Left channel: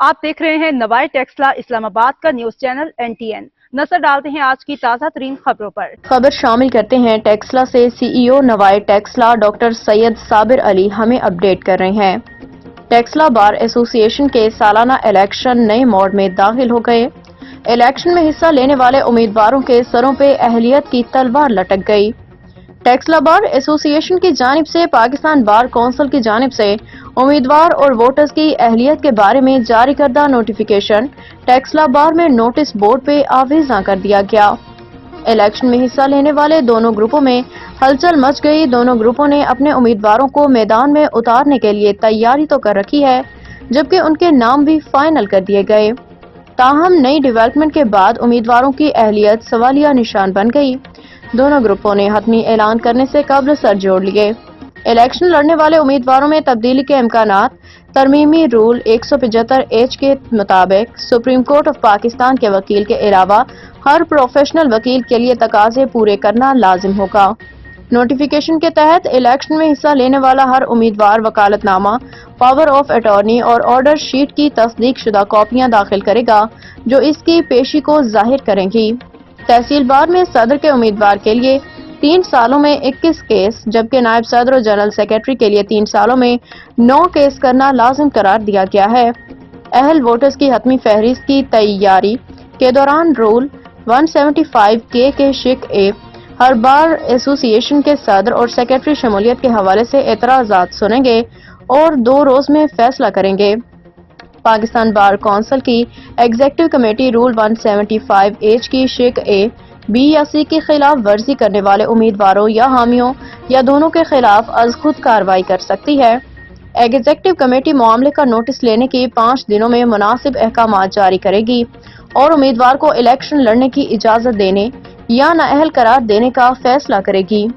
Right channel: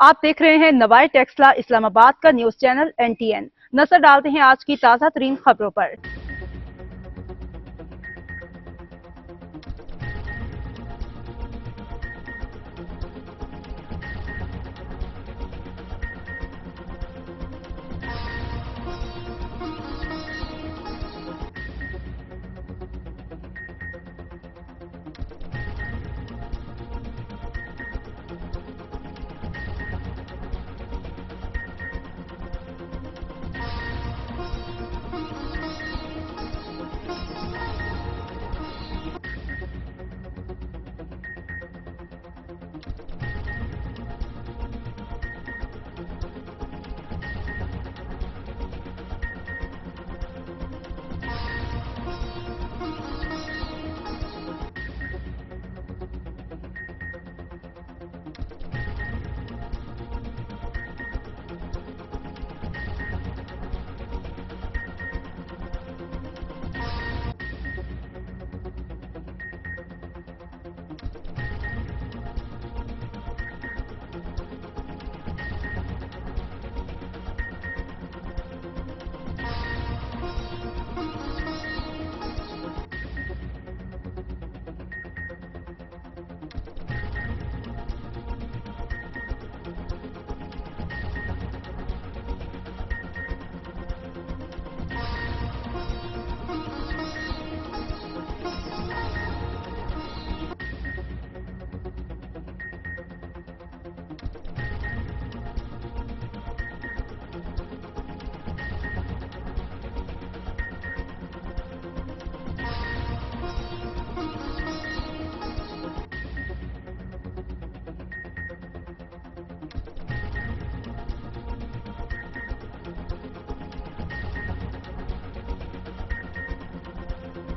आप देख रहे हैं नवाए टेक्सला इस्लामाबाद का न्यूज चैनल NTN। नजर डालते हैं आज की ताज़ा तरीन खबरों पर। खबर शामिल करते हैं टेक्सला से CEO नवाए टेक्सला डॉक्टर सैयद साबिर अली हमें अपडेट कर रहे हैं। टेक्सला बार एसोसिएशन के सालाना इलेक्शन नए मोड में दाखिल हो गए। इलेक्शन में हिस्सा लेने वाले उम्मीदवारों के सरों पे अहलियत की तलवार लटक गई। टेक्सला बार एसोसिएशन की जानिब से पाकिस्तान बार कौंसिल की जानिब से उम्मीदवार और वोटर्स की अहलियत के बारे में जारी करदा नोटिफिकेशन टेक्सला बार में नोटिस बोर्ड पे आवेज़ा कर दिया गया। इलेक्शन में हिस्सा लेने वाले दोनों ग्रुपों में हलचल मच गई। दोनों ग्रुपों ने अपने उम्मीदवारों को मैदान में उतारने के लिए तैयारी तो कर रखी है, जबकि उनके नाम भी फाइनल कर दिए गए। ताहम नई डेवलपमेंट के बाद उम्मीदवारों की अहलियत सवालिया निशान बन गई। दोनों ग्रुपों ने हतमी ऐलान करने से कबल सर जोड़ लिए। इलेक्शन लड़ने वाले उम्मीदवारों में तब्दीली के इम्कानात तरमीमी रूल 175H के मुताबिक सुप्रीम कोर्ट ऑफ पाकिस्तान के वकील के अलावा हर प्रोफेशनल वकील के लिए तकाजे पूरे करना लाजिम होगा। नोटिफिकेशन के तहत इलेक्शन में हिस्सा लेने वाला हर उम्मीदवार वकालतनामा, पावर ऑफ अटॉर्नी और ऑर्डर शीट की तस्दीक शुदा कॉपियां दाखिल करेगा, जो इसकी पेशी को जाहिर करेंगी। तहसील बार में सदर के उम्मीदवार के लिए 3 सालों में 21 केस, जबकि नायब सदर और जनरल सेक्रेटरी के लिए 3 सालों में 9 केस करना लाजिम करार दिया गया है। अहल वोटर्स की हतमी फहरिस्त की तैयारी के दौरान रूल 175K के शिक ए हर बार एसोसिएशन के सदर और सेक्रेटरी शमूलियत के हवाले से एतराज़ात सुनेंगे और 2 रोज में फैसला करेंगे। पाकिस्तान बार कौंसिल की एग्जीक्यूटिव कमेटी रूल 175H की शिक ए, B या C की खिलाफ वर्जी करने वाले उम्मीदवारों या हामियों या दोनों के खिलाफ अज खुद कार्रवाई कर सकती है। एग्जीक्यूटिव कमेटी मामले का नोटिस लेने की 5 दिनों में मुनासिब अहकाम जारी करेगी और उम्मीदवार को इलेक्शन लड़ने की इजाजत देने या नाअहल करार देने का फैसला करेगी।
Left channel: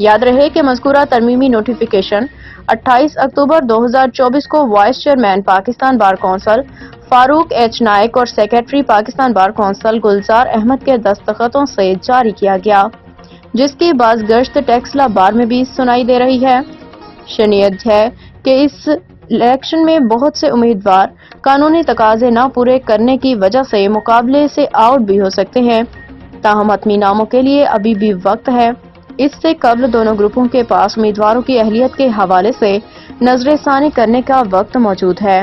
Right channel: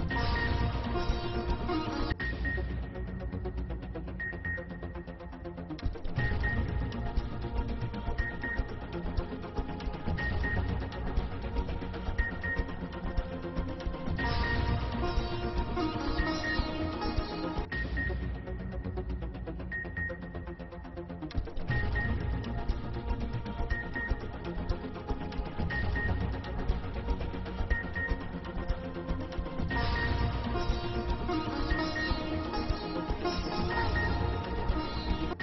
याद रहे कि मज़कूरा तरमीमी नोटिफिकेशन 28 अक्टूबर 2024 को vice chairman Pakistan bar council Farooq H Naik और सेक्रेटरी पाकिस्तान बार कौंसिल गुलजार अहमद के दस्तखतों से जारी किया गया, जिसकी बाज़गश्त टेक्सला बार में भी सुनाई दे रही है। शनीयत है कि इस इलेक्शन में बहुत से उम्मीदवार कानूनी तकाजे न पूरे करने की वजह से मुकाबले से आउट भी हो सकते हैं। ताहम हतमी नामों के लिए अभी भी वक्त है। इससे कबल दोनों ग्रुपों के पास उम्मीदवारों की अहलियत के हवाले से नजरसानी करने का वक्त मौजूद है।